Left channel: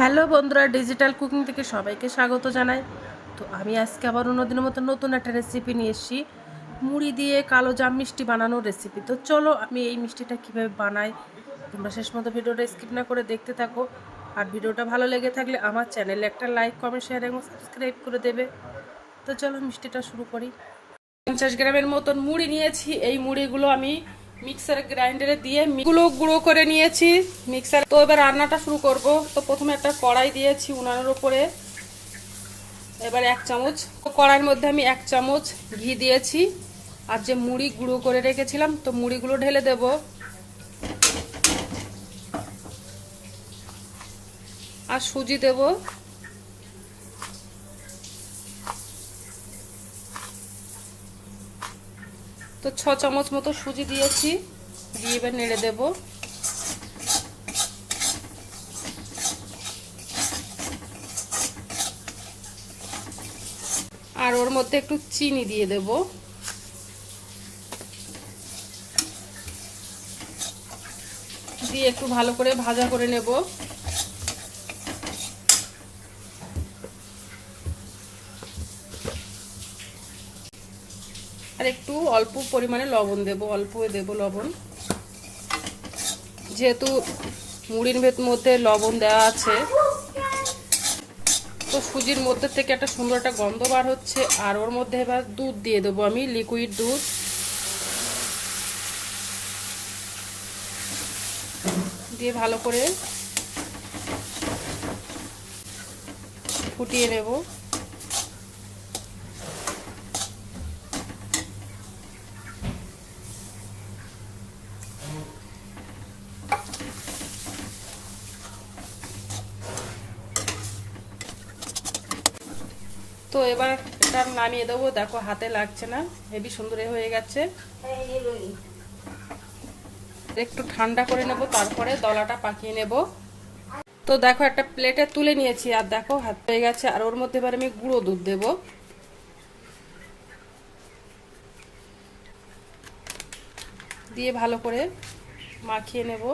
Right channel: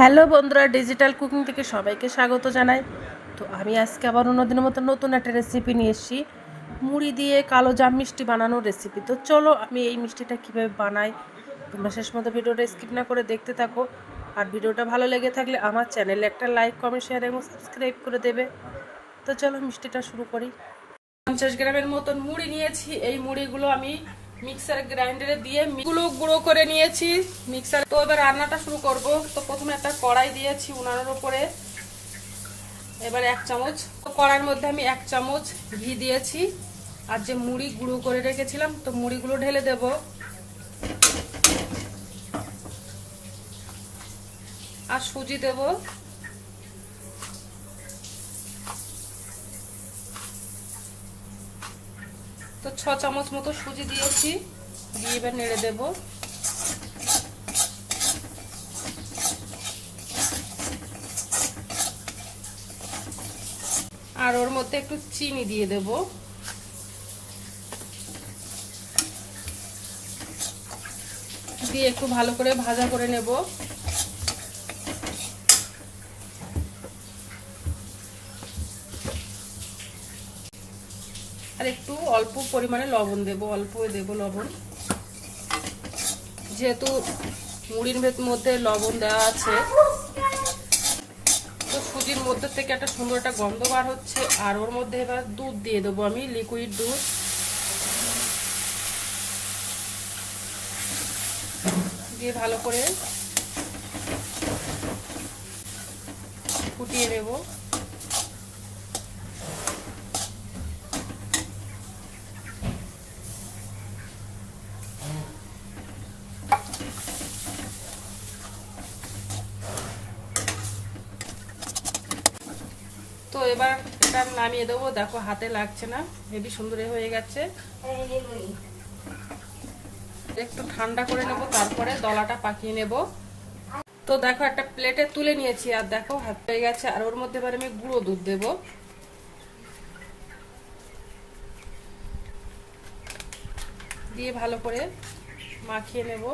Hello বন্ধুরা, digital cooking থেকে সবাইকে স্বাগত জানাই। তো আমি আজকে আবার অন্যদিনের মতো নতুন একটা রেসিপি নিয়ে এসেছি, মুড়ি দিয়ে কালো জাম মিষ্টি বানানোর রেসিপি। তো চলো আমি এই মিষ্টিটা কীভাবে বানাই তোমরা শেষ মতো ভিডিওটা স্কিপ না করে দেখতে থাকো। আর ভিডিওটা ভালো লেগে থাকলে আমার চ্যানেলে একটা লাইক, কমেন্ট, শেয়ার এবং সাবস্ক্রাইব করে দেবে। তো চলো মিষ্টিটা শুরু করি। 50 গ্রামের মতন মুড়ি নিয়েছি। এই মুড়িগুলো আমি মিক্সার গ্রাইন্ডারে দিয়ে গুঁড়ো করে নিয়েছি মিক্সার। তো এবার রান্নাটা শুরু করব। তো প্রথমে একটা কড়াই দিয়েছি উনানের উপরে। এবার 1 চামচ কড়াইয়ের মধ্যে আমি 1 চামচ ঘি দিয়েছি। আর যে মুড়ি গুঁড়ো করে রেখেছিলাম তো মুড়িগুলো ঢেলে দেব। আর সুজি দেব। তো 6 চামচ মতো সুজি দিয়েছি, দিয়ে এবার নেড়ে দেব। আর ওর মধ্যে একটু চিনি দিয়ে দেব। দিয়ে একটু ভালো করে ভাজা করে নেব। আর একটু অল্প পরিমাণে লবণ দেব, অল্প দেব লবণ, যেহেতু মুড়ির মধ্যে লবণ দেওয়া আছে। তো সুজির মধ্যে থেকে একটা সুন্দর একটা গন্ধ বার হচ্ছে। আর ওর মধ্যে এবার দুধ দিয়ে দেবো, আমি লিকুইড দুধ দিয়ে ভালো করে ফুটিয়ে নেব। তো এবার এটা নামিয়ে দেবো। দেখো হাতে লাগছে না, হেবি সুন্দর হয়ে গেছে। একটু ঠান্ডা করে নেব, তারপরে দলাটা পাকিয়ে নেব। তো দেখো একটা প্লেটে তুলে নিয়েছি। আর দেখো হাত হয়ে গেছে। আর ওর মধ্যে এবার আমি গুঁড়ো দুধ দেব। দিয়ে ভালো করে মাখিয়ে নেব।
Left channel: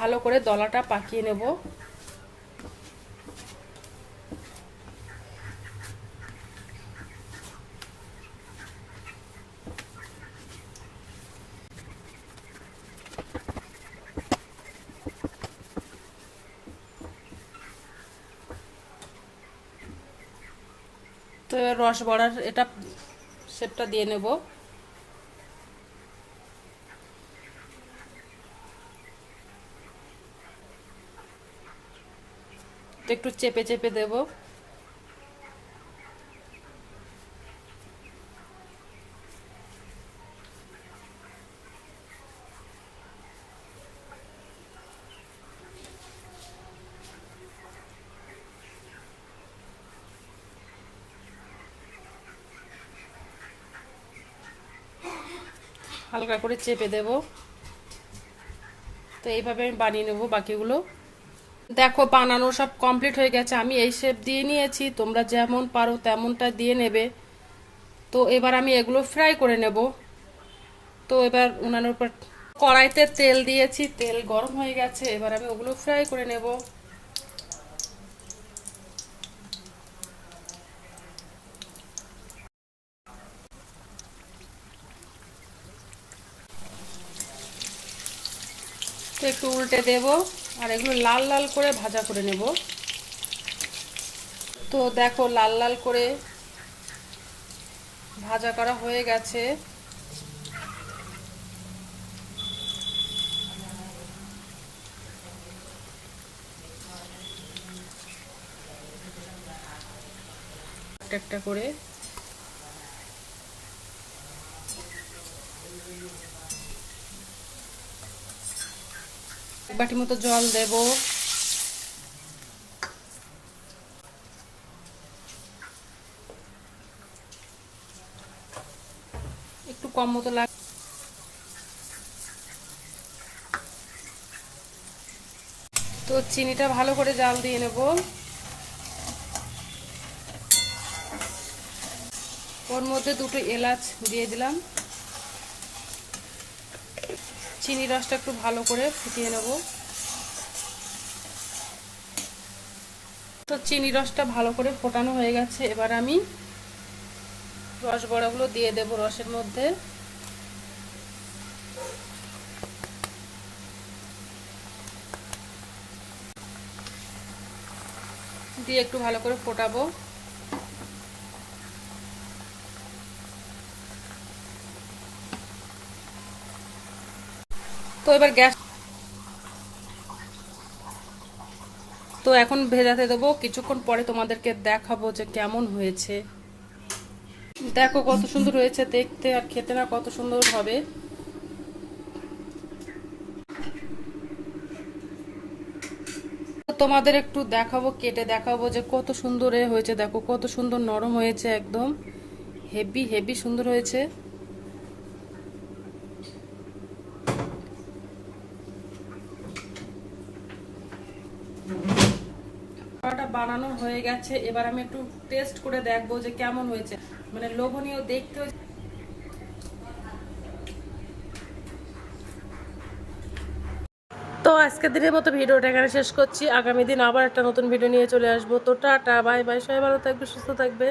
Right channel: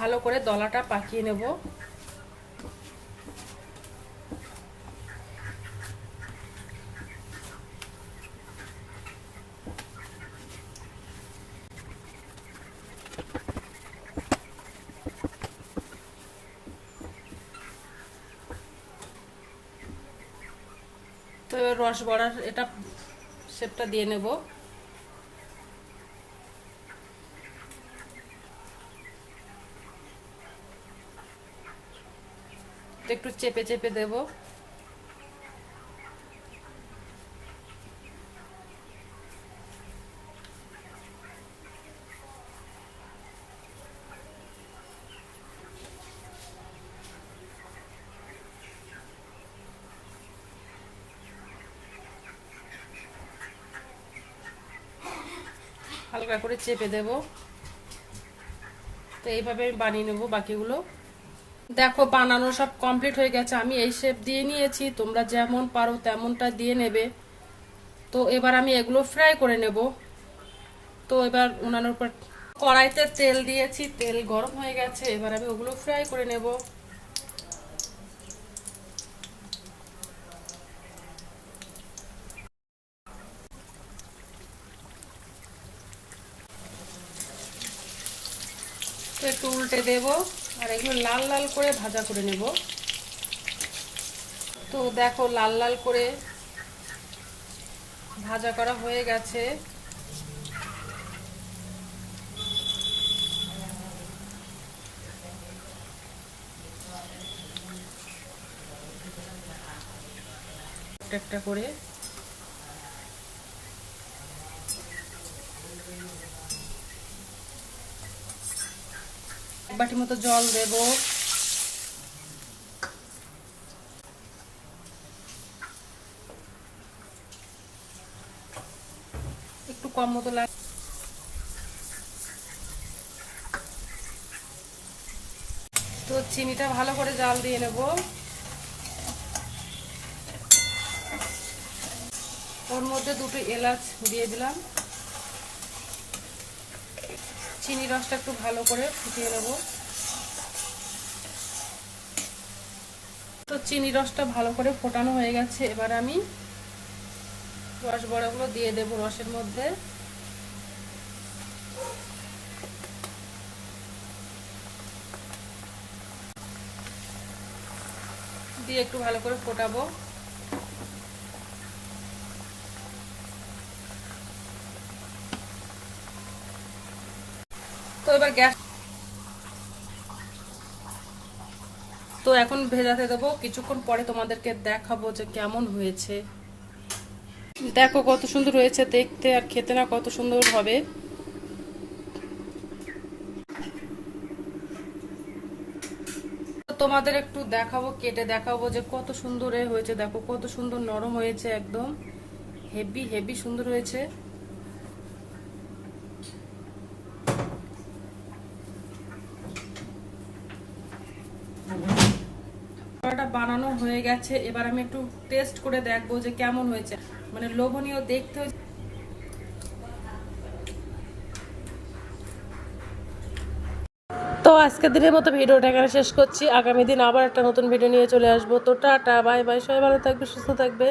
ভালো করে দলাটা পাকিয়ে নেব। তো রস বড়ার এটা শেপটা দিয়ে নেব। একটু চেপে চেপে দেব। হালকা করে চেপে দেব। তো এইভাবে আমি বানিয়ে নেব বাকিগুলো। দেখো বানানো সব কমপ্লিট হয়ে গেছে। আমি এই শেপ দিয়ে নিয়েছি, তোমরা যেমন পারো তেমনটা দিয়ে নেবে। তো এবার আমি এগুলো ফ্রাই করে নেব। তো এবার উনানের উপর কড়াইতে তেল দিয়েছি, তেল গরম হয়ে গেছে। এবার আমি ওগুলো ফ্রাই করে নেব। তো একটু উল্টে দেব। আর এগুলো লাল লাল করে ভাজা করে নেব। তো দেখো লাল লাল করে ভাজা করা হয়ে গেছে। একটা করে এক বাটি মতো জল দেব। একটু কম মতো লাগে। তো চিনিটা ভালো করে জাল দিয়ে নেব। ওর মধ্যে 2টো এলাচ দিয়ে দিলাম। চিনি রসটা একটু ভালো করে ফুটিয়ে নেব। তো চিনি রসটা ভালো করে ফোটানো হয়ে গেছে, এবার আমি রস বড়াগুলো দিয়ে দেব রসের মধ্যে। দিয়ে একটু ভালো করে ফোটাবো। তো এবার গ্যাস, তো এখন ভেজাতে দেবো। কিছুক্ষণ পরে তোমাদেরকে দেখাবো যে কেমন হয়েছে। দেখো কত সুন্দর হয়েছে দেখতে, আর খেতে না কত সুন্দর হবে। তোমাদের একটু দেখাবো, কেটে দেখাবো যে কত সুন্দর হয়েছে। দেখো কত সুন্দর নরম হয়েছে, একদম হেভি হেভি সুন্দর হয়েছে। বানানো হয়ে গেছে, এবার আমি একটু টেস্ট করে দেখবো যে কেমন হয়েছে, মানে লোভনীয় দেখতে হয়েছে। তো আজকের দিনের মতো ভিডিওটা এখানে শেষ করছি। আগামী দিন আবার একটা নতুন ভিডিও নিয়ে চলে আসবো। তো টাটা, বাই বাই, সবাই ভালো থাকবে, সুস্থ থাকবে।